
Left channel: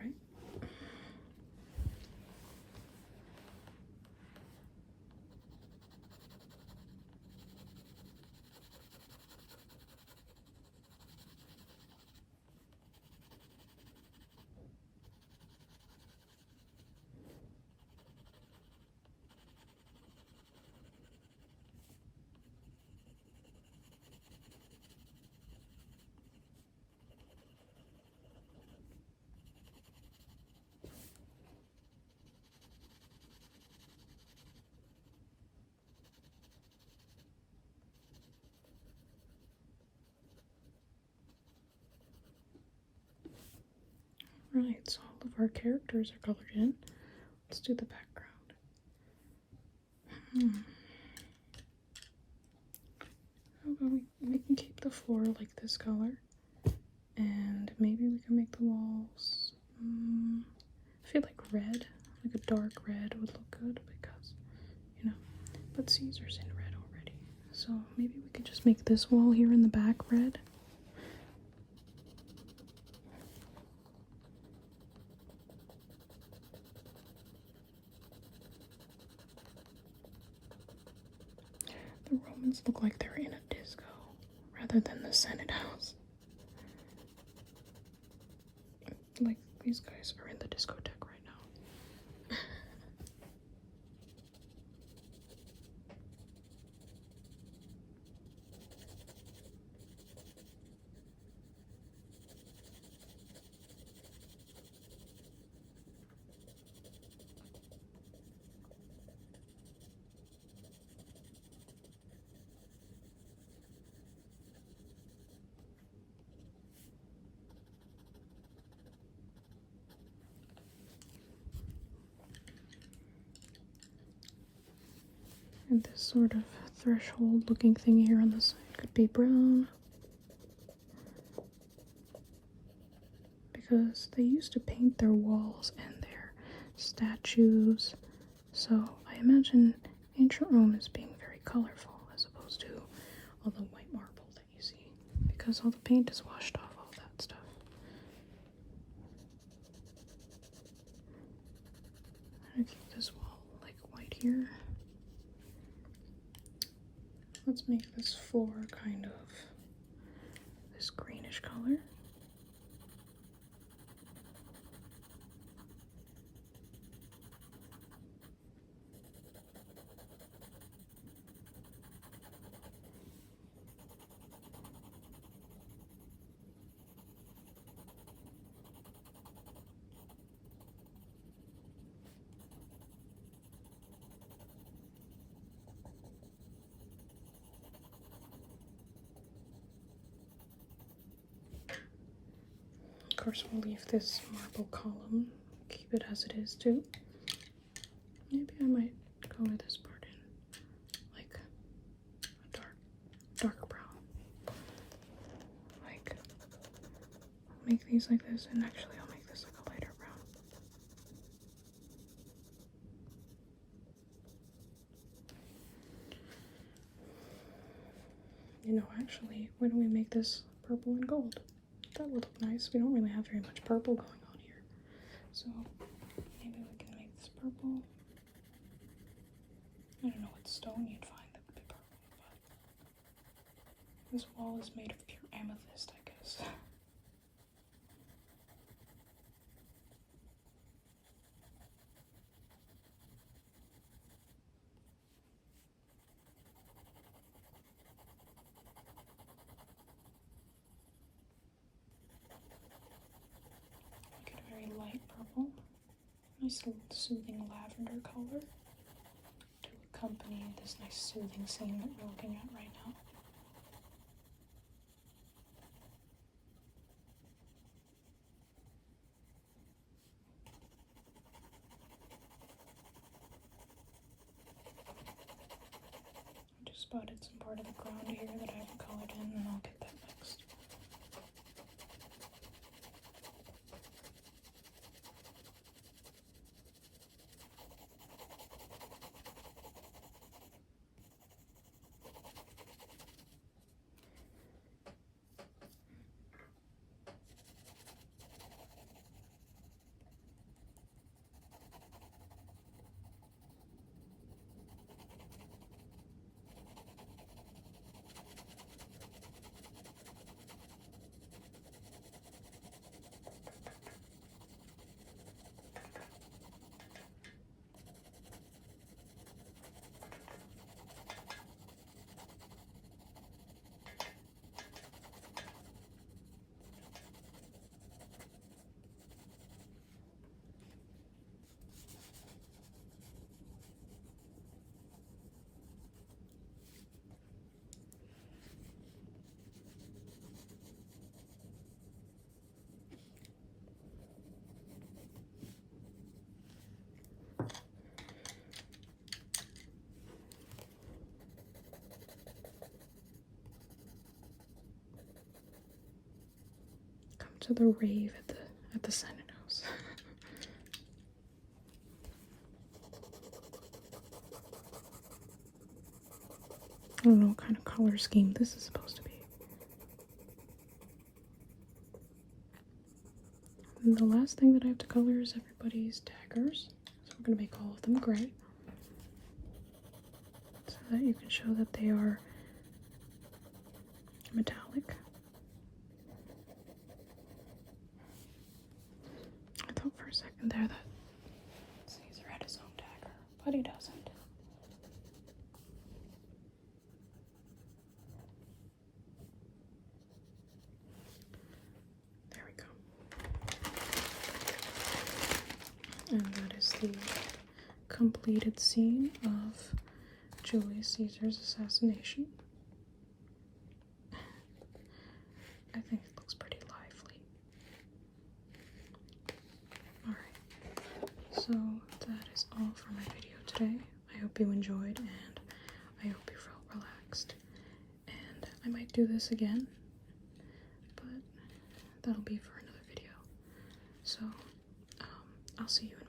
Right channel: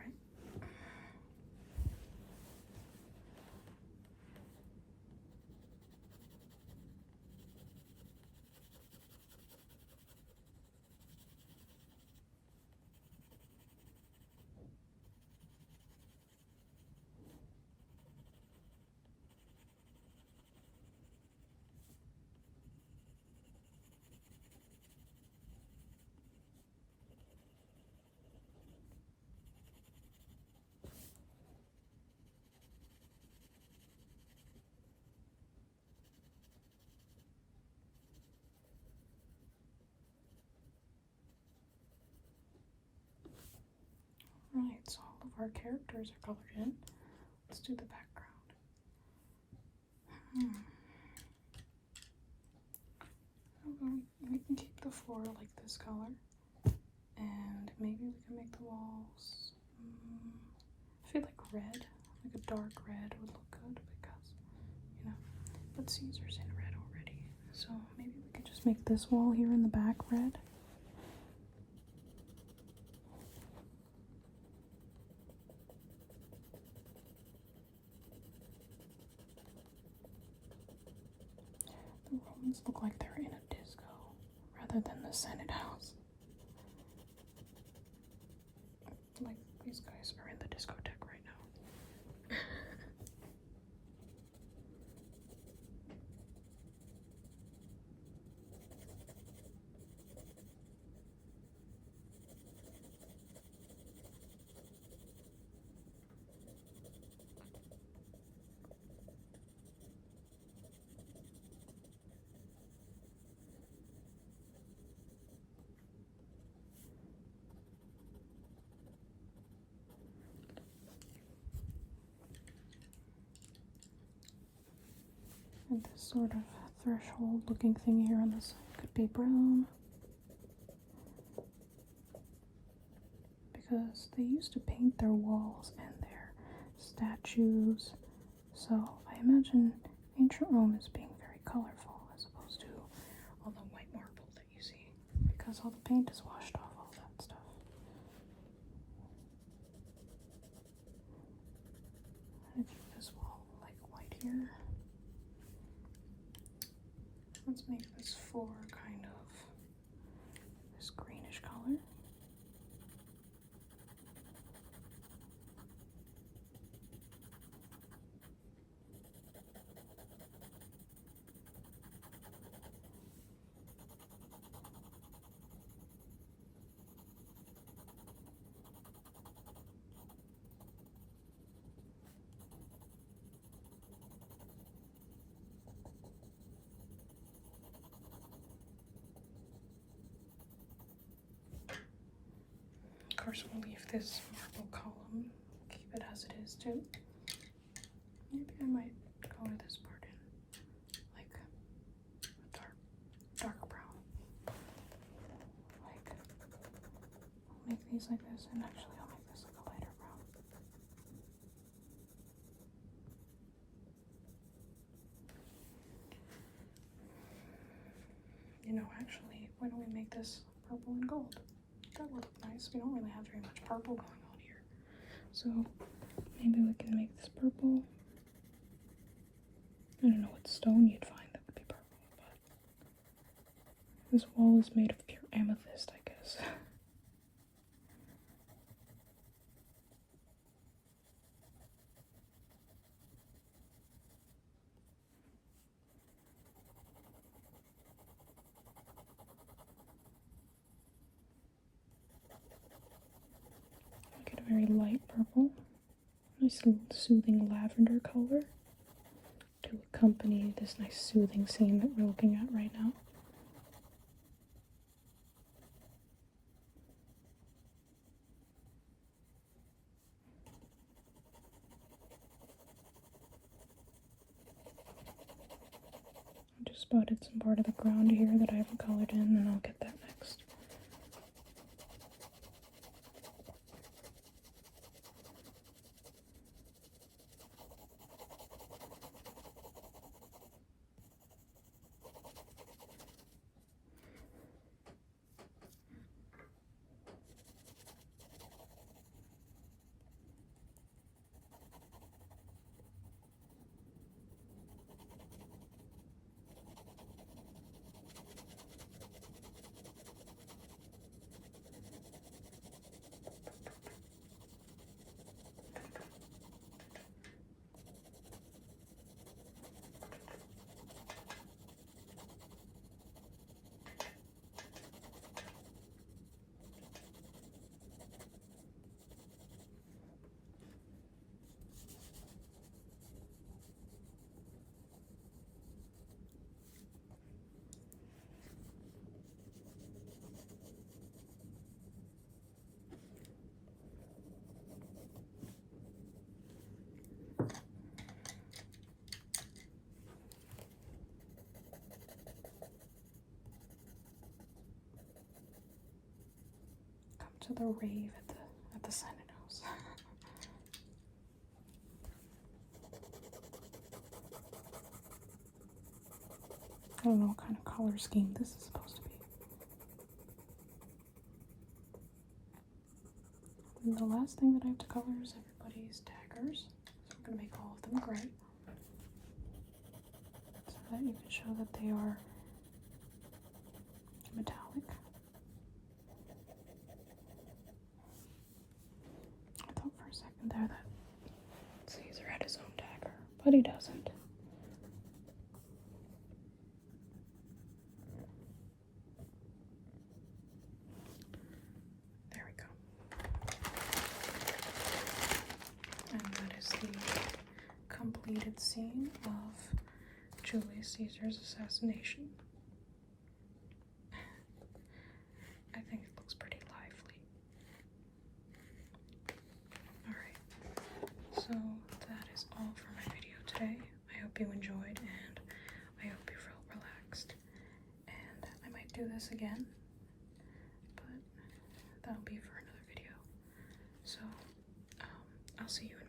Right, so all of our characters are colored in. Let's do the background. How about we can keep the floor like this color, and maybe we can make the walls. I feel like red, like a dark red would look good because, you know, but Caesar's in red already. So maybe we could just make this wall here in the back red. The Romans look like they're in a disco rather than the Senate House. Like, these guys are in the discotheque right now. And this sort of threshold looking thing here on this side could be brown. Because they used to paint their walls and their statues. So I imagine ancient Rome is being very colorful as opposed to all the white marble that you see. Because all the paint is washed off all that stuff. I'm gonna keep this wall like white here. Let's make this floor kind of this greenish color. Of course, we'll leave this marble column, keep it as it is too. Maybe I might color this part in like a dark brown. Like, make these like this, and actually I'll make this like a lighter brown. You know, actually, why don't we make this purple and gold? That would look nice. We don't really have very much purple going on here. So maybe we can make this purple. I don't know what stone you'd find that would be purple, but this wall is made of pure amethyst, I guess. Get a very light purple. Nice soothing lavender color to accompany this nice soothing scene that we're looking at right now. I just spotted some part of the ground here that I haven't colored in, and I'll get that next. to the rave at the Senate House. I don't know what kind of color scheme this is supposed to be. And the last thing that I have to color is everybody's daggers. So we're going to make all of them gray. So that you can show that they are metallic. I thought for a second there that Caesar had his own dagger, but he doesn't. There we go. And that is the completed scene of Julius Caesar's assassination. I think it looks pretty lively. Alright, so that is all for my video today. I hope you enjoyed and I hope you felt relaxed. And I might do this again, but that'll be for another video. So, I'll see you in